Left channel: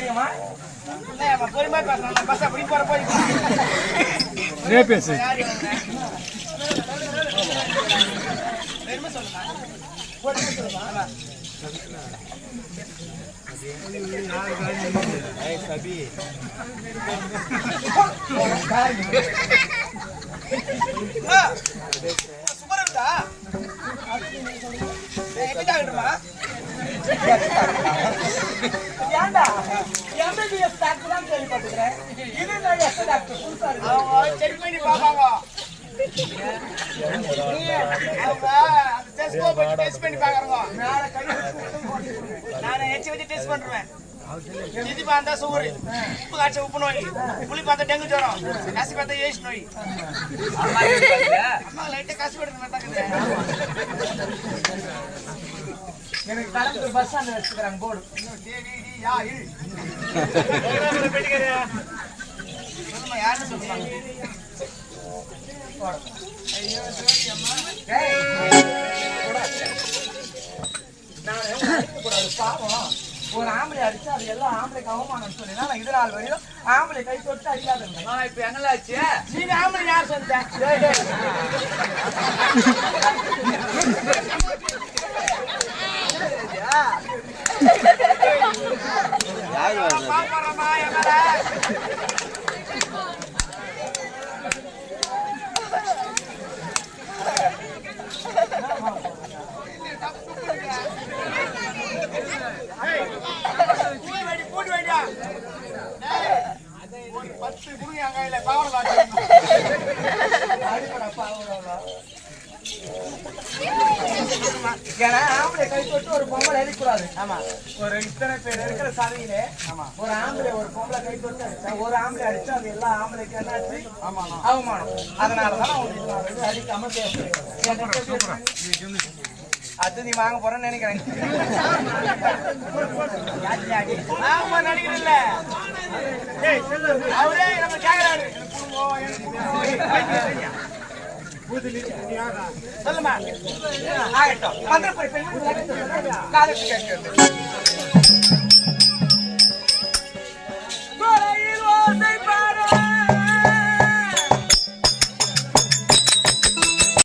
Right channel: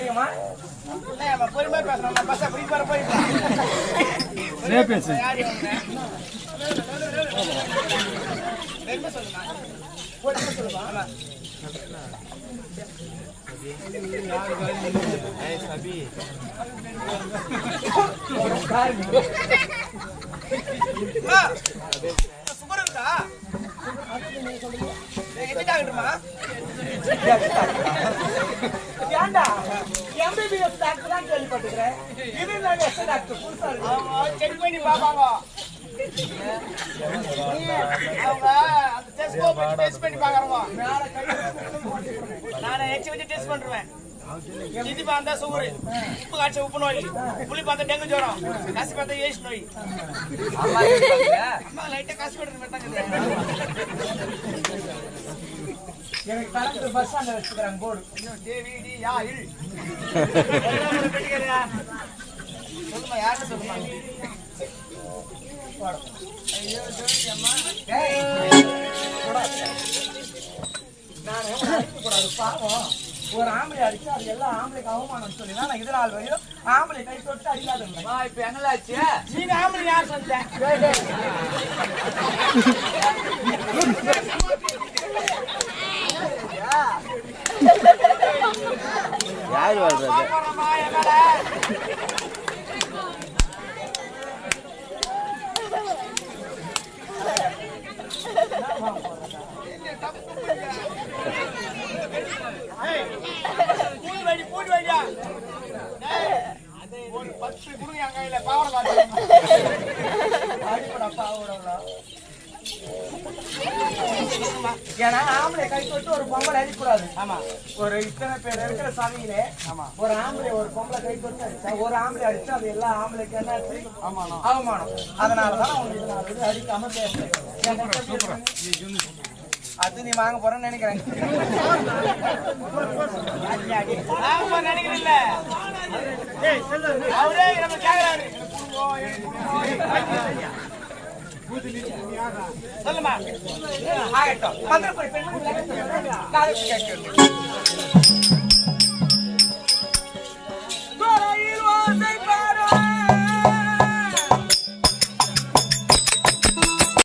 தெரியுமா? பொறுமையா பேசணும். பஸ் அப்படி போற போயிருக்கலாம். யாரு பெருமை சொல்லுமா? சொல்லுமா? சுகர் இருக்கா? ஏண்டா MBBS டாக்டர் தான் கேள்விப்பட்டுக்கிறேன். இது நான் எஸ் டாக்டர் புதுசா இருக்கு. செக் பண்ணி பாப்பாங்க. அவங்க அந்த டெஸ்ட் போய் டெஸ்ட் பண்ணி பாக்குறாங்க. நான் எச்சி வச்சு டெஸ்ட் பண்றேன். இது பார்த்தா சுகர், உப்பு காய்ச்ச உப்பு நோய், புளி பார்த்தா டெங்கு ஜுரம், காசு பார்த்தா ஏஸ் நோய். அம்மா லைட்டா காசு போட்டு எனக்கு கடந்து பஸ் ஸ்டாண்ட் வச்சுக்கிறாங்க போர்டு. சொல்லுமா, யாருன்னு சொல்லுமா? பாவம், ஒரு ஆம்பளை அடிச்சா அது எல்லாம் ஆம்பளைக்கு அவமானம் சொல்லி நான் இது நாள் வரையும் ஆம்பளை கை தொட்டு அடிக்காது. இப்ப எங்களாச்சு நீங்க ஆம்பளை யார் சொல்லிட்டேன்? பாப்பறமா எங்கடா போட்டு வைடா. ஒரு 10 குடுங்க என் கையில பாவட ஏன்னா ஆம்பளை கை தொட்டு ஒரு பொம்பளை அடிக்கூடாது. ஆமா, ஒரு இத்தனை பேர் இருக்கிற சபையிலே ஒரு ஆம்பளை ஒரு பொம்பளை கை தொட்டு அடிச்சா, ஒரு ஆம்பளை அடிச்சா அது எல்லா ஆம்பளைக்கு என்னாச்சு? அவமானம். அதனாலதான் உங்களுக்கு அடிக்காம பேசுறேன். அது நீ வாங்க போறேன்னு நினைக்கிறேன். நினைக்கிறேன்ல அவரே நம்ம கேக்குறாரு. சொல்லுமா, ஆகட்டும். மந்திரப்படி பெண்மணி